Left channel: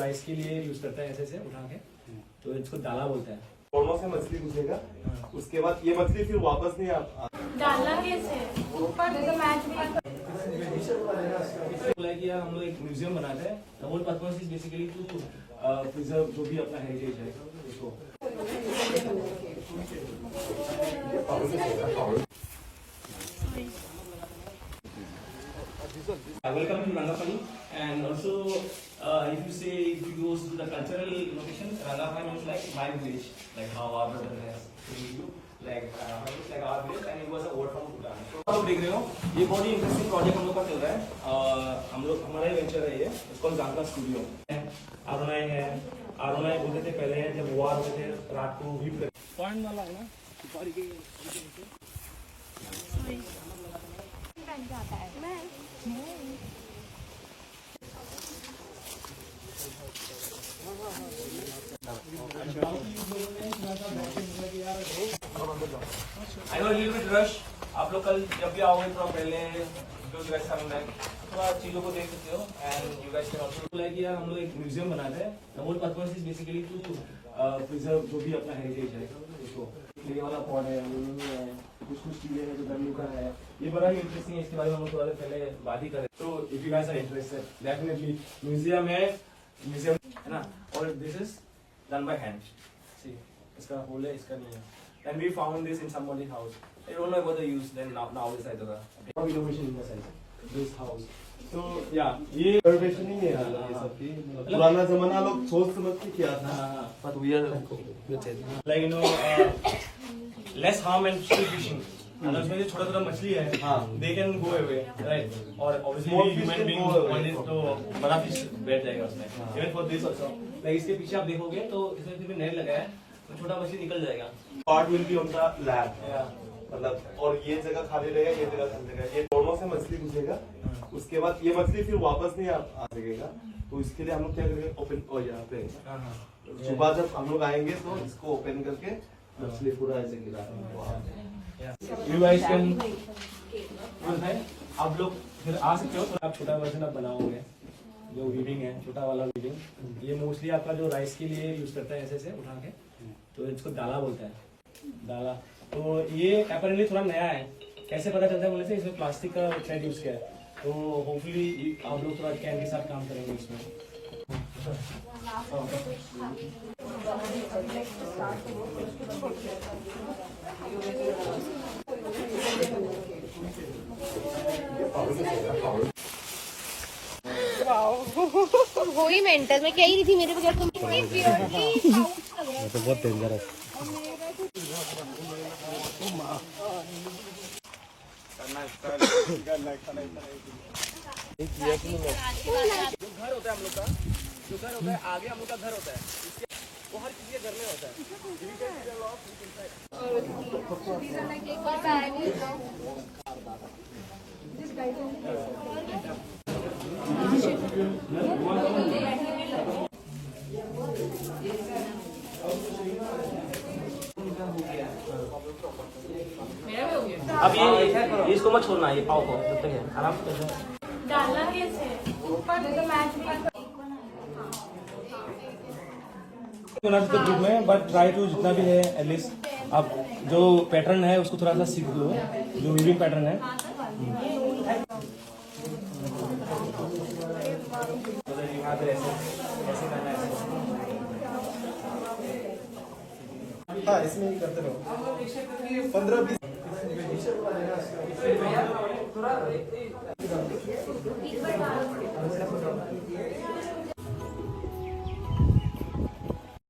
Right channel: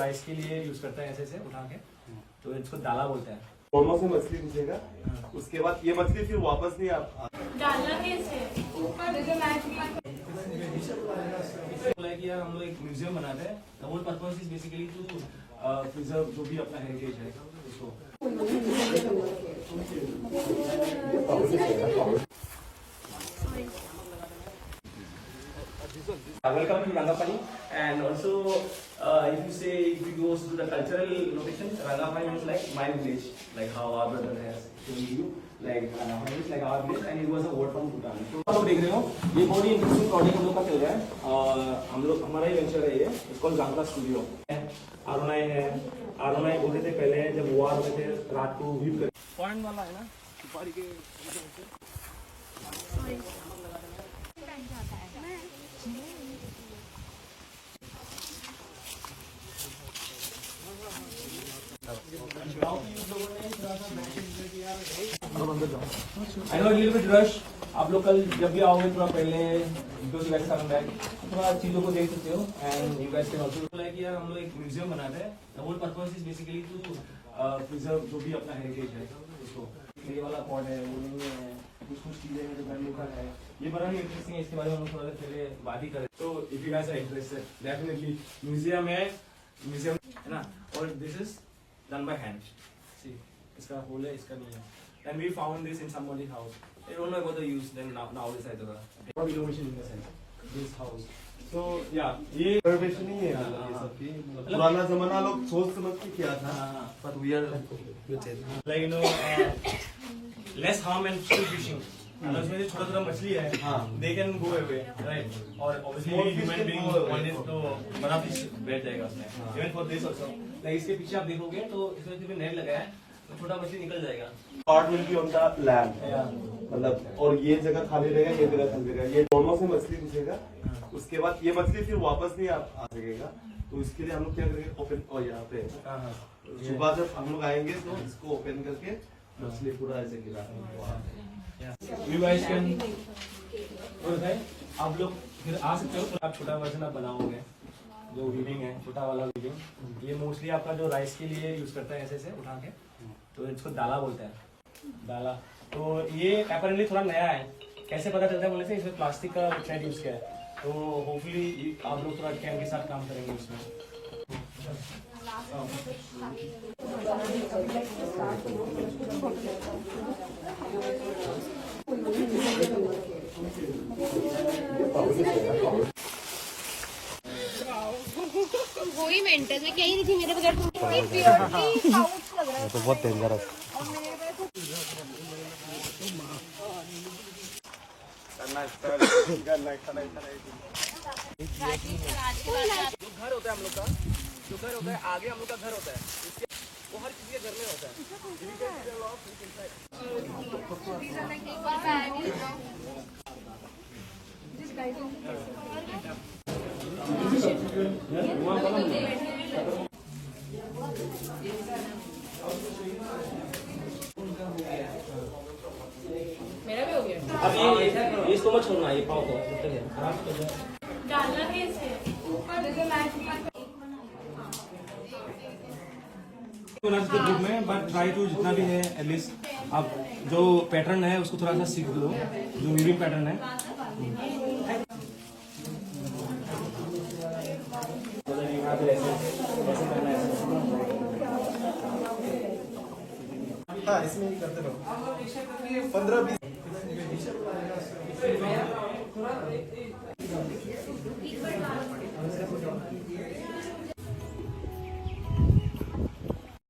Rice के लिए use करते हैं ऐसे उठा के, तो इसको दाला बोलते हैं। दोनों से मछली घुसेगा, उसके बाद ये मछली फिर वापस नहीं डाला कैसे ऊपर बोला कि यार हम लोग एक म्यूजियम बनाते हैं। The whole purpose is basically to preserve जो भी अपना हेरिटेज है उसको। Welcome to Rangapani, and also if you go to the cultural location, Rangapani is like my village, like how our brother has told you, like Rangapani is like our village, and it was a word from Bhutan. तो आप देख रहे हो ये बहुत ही interesting project हम लोग का चल रहा है और हम लोग हमारा ही वेंचर है ये, इसको जानका स्टूडियो आरोनाई है। आरोनाई बोलते थे पहले जब वॉर होते थे रात को हीट कर पॉइंट वाला है ना सुपारी के जाता है। I know a little bit rush. आप लोग कल जब भी आओगे थोड़ा पहले थोड़ा चीजों को देख सकते हो and you guys can also बोला कि यार हम लोग एक म्यूजियम बनाते हैं। The whole purpose is basically to preserve जो भी अपना हेरिटेज है उसको। ये वाला पॉट है, वो है, कुछ चीजें हैं जो बनी का है, ये बड़ा ही इंटरेस्टिंग है। इसके बारे में हम लोग थोड़ा पहले बात ही करें। तो if you guys are interested definitely museum है ना, और this is done by hand. See इसका होल है, इसका नहीं है। And we found this in somebody's house. I don't know about the use. Then now this I don't know. What innovation in the sense this house. So yeah, ये reservation नहीं है ये सब की। पुराना जमाना लोग सोच समझ के किया था, but we are like you know less harm and still fishing. अगर उसमें जो छोटा-छोटा मछली है, they can go away, right? और obviously human being want it तो बड़ा fish बैठ जाएगा उसमें. Even for this also. Like इसके पीछे आप देखोगे तो इसमें जो नेट लगा है, तो छोटा मछली निकल जाएगा. Part will be on the land, मतलब और ये जगह खाली रहेगा, ये जगह खाली रहेगा। ये दोनों से मछली घुसेगा, उसके बाद ये मछली फिर वापस नहीं आ सकेगा। तो इसके लिए हम लोग क्या करेंगे, ओपन और यहाँ पे सुबह जब हम लोग आएंगे तो इसको ओपन करके मछली पूरा ऐसे गिरा। You guys can आप लोग फिर आ सकते हो। आप छोटा वर्जन आप बनाओगे जो वीविंग है, छोटा वाला वीविंग। ये मोस्टली आपका जो राइस के लिए यूज करता है ऐसे उठा के, तो इसको दाला बोलते हैं, दाला। तो ये अपैरेंटली थोड़ा नया है। कैसे पता चलता है बोलने से, इसमें प्लास्टिक का थ्रेड यूज किया है। तो होपफुली आप लोग थोड़ा कैन के साथ काम करेंगे इसमें। वही मेंटल में कह रही थी मेरे बगैर तुम तो बहुत डेंजरस। जो घर होता है हम लोग का, जो घर होता है आगे हम लोग का घर होता है, वो हर किसी के घर में होता है। मेरा भी हो गया। अब ये इसको मत छोड़ना, ये पाव को जब तक है आराम से कर दो। डालना कैसे ऊपर ग्रुप में, बट ट्राई टू जितना भी है एटलीस्ट आप जो पैटर्न है उसको थोड़ा सा सीख लो, जो वीविंग पैटर्न है। हाँ, इसमें ही करते रहो 15-20। थोड़ा